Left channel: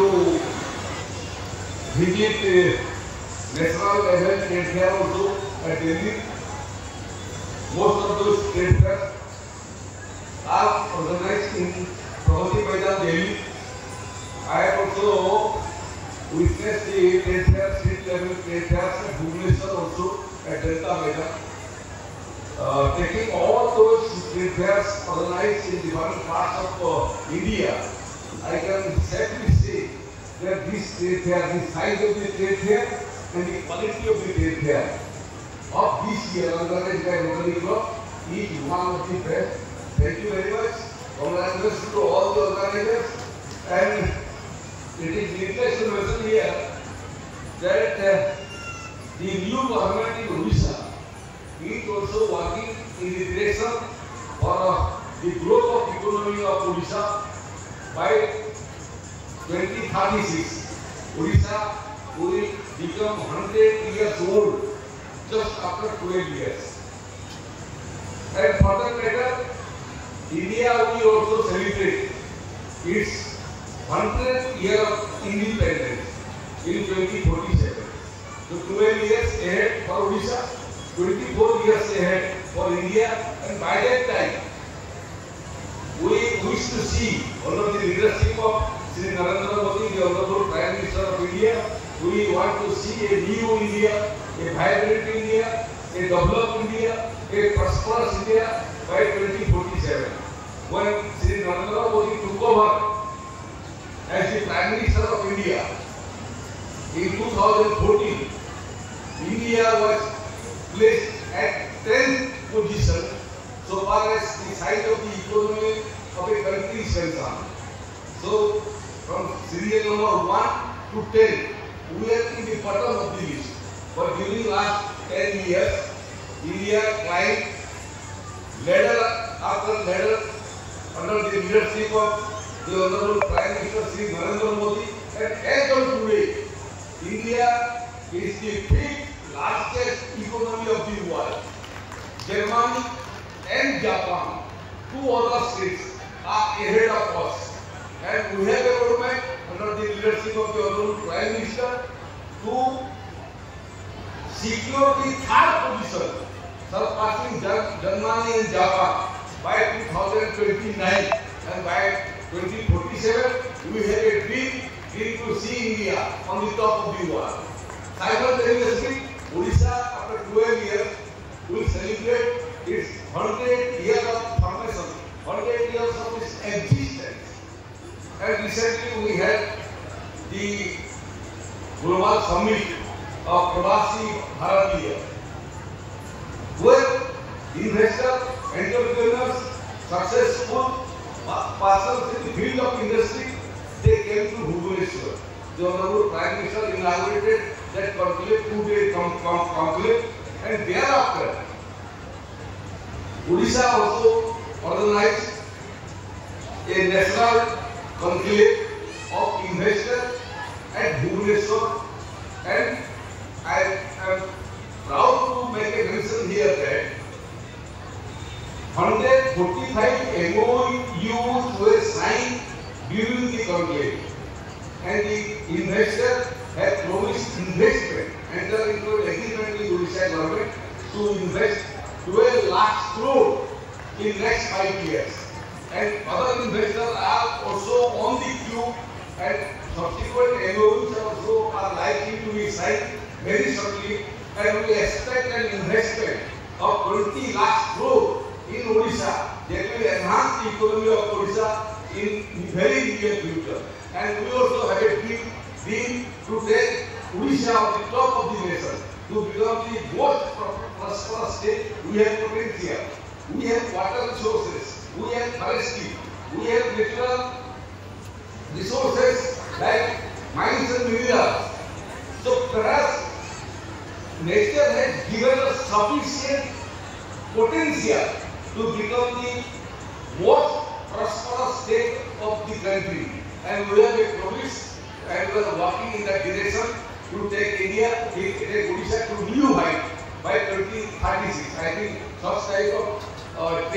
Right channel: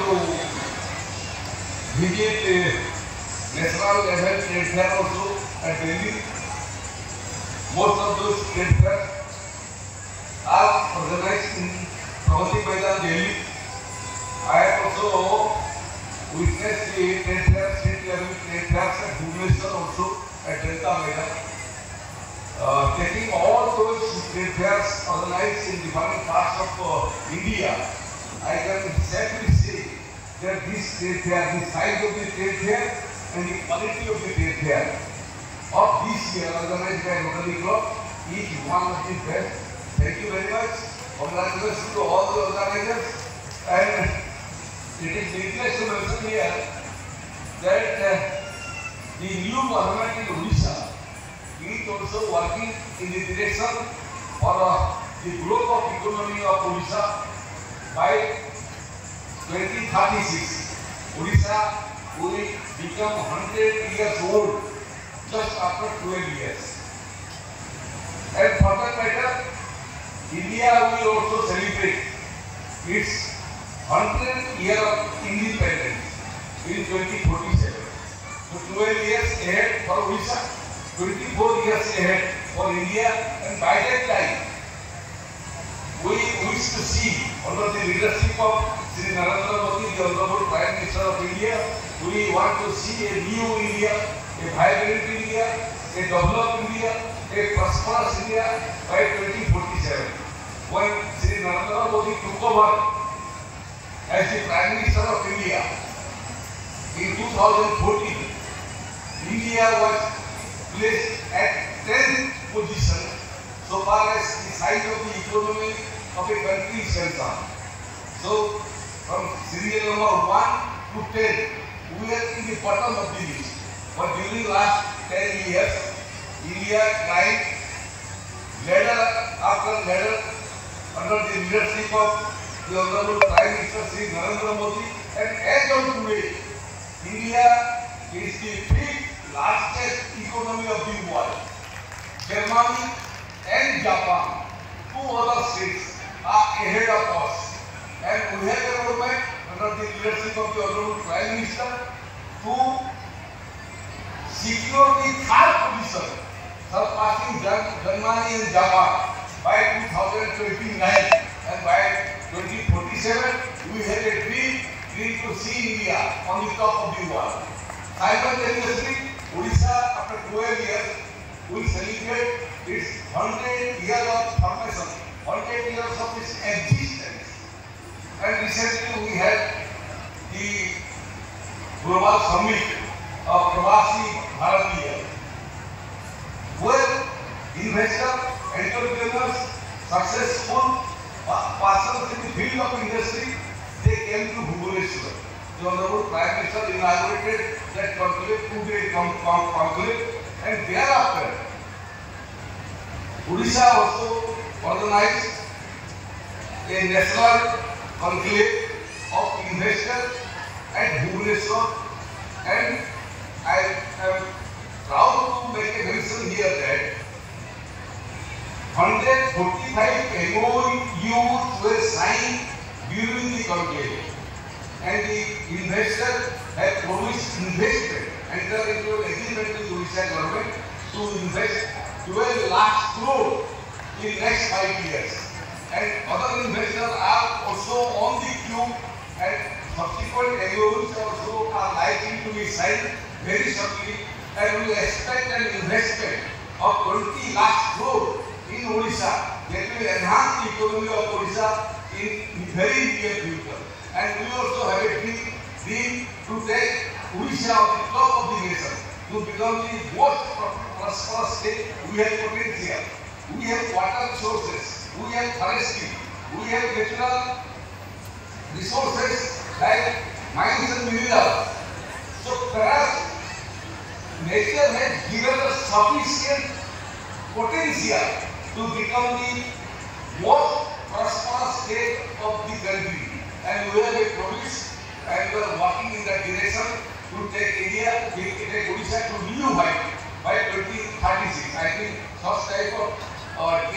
to visit national level trade fair also at Delhi. Most of those trade fairs are organized in Pragati Maidan, Delhi. I have also witnessed the trade fair, state level trade fairs at Bhubaneswar also at Delta Maidan. Taking all those trade fairs organized in different parts of India, I can safely say that this trade fair, the size of the trade fair and the quality of the trade fair of this year organized by Rotary Club is one of the best. Thank you very much. Congratulations to all the organizers. And it is needless to mention here that the new government in Odisha is also working in the direction for the growth of economy of Odisha by 2036. Odisha will become 100 years old just after 12 years. And for that matter, India will also celebrate its 100th year of independence in 2047. So 12 years ahead for Odisha, 24 years ahead for India, and by that time, we wish to see under the leadership of Shri Narendra Modi, the Honorable Prime Minister of India, we want to see a new India, a vibrant India, a developed India, a prosperous India by 2047. When Shri Narendra Modi took over as the Prime Minister of India in 2014, India was placed at 10th position so far as the size of the economy of a country is concerned. So from serial number 1 to 10, we are in the bottom of the list. But during last 10 years, India climbed ladder after ladder under the leadership of the Honorable Prime Minister Shri Narendra Modi, and as of today, India is the 5th largest economy of the world. Germany and Japan, two other states, are ahead of us. And we have a roadmap under the leadership of the Honorable Prime Minister to secure the 3rd position, surpassing Germany and Japan by 2029. And by 2047, we have a dream to see India on the top of the world. Simultaneously, Odisha, after 12 years, will celebrate its 100 years of formation, 100 years of its existence. And recently we had the Global Summit of Pravasi Bharatiya, where investors, entrepreneurs, successful persons in the field of industry, they came to Bhubaneswar. The Honorable Prime Minister inaugurated that conclave, 2-day conclave, and thereafter, Odisha also organized a national conclave of investors at Bhubaneswar, and I am proud to make a mention here that 145 MOUs were signed during the conclave, and the investors had promised investment, enter into an agreement with Odisha government to invest 12 lakh crore in next 5 years. And other investors are also on the queue, and subsequent MOUs also are likely to be signed very shortly, and we expect an investment of 20 lakh crore in Odisha that will enhance the economy of Odisha in very near future. And we also have a dream to take Odisha on the top of the nation, to become the most prosperous state. We have potential, we have water resources, we have forestry, we have natural resources like mines and minerals. So perhaps nature has given us sufficient potential to become the most prosperous state of the country. And we have a promise, and we are working in that direction to take India, take Odisha to new height by 2036. I think such type of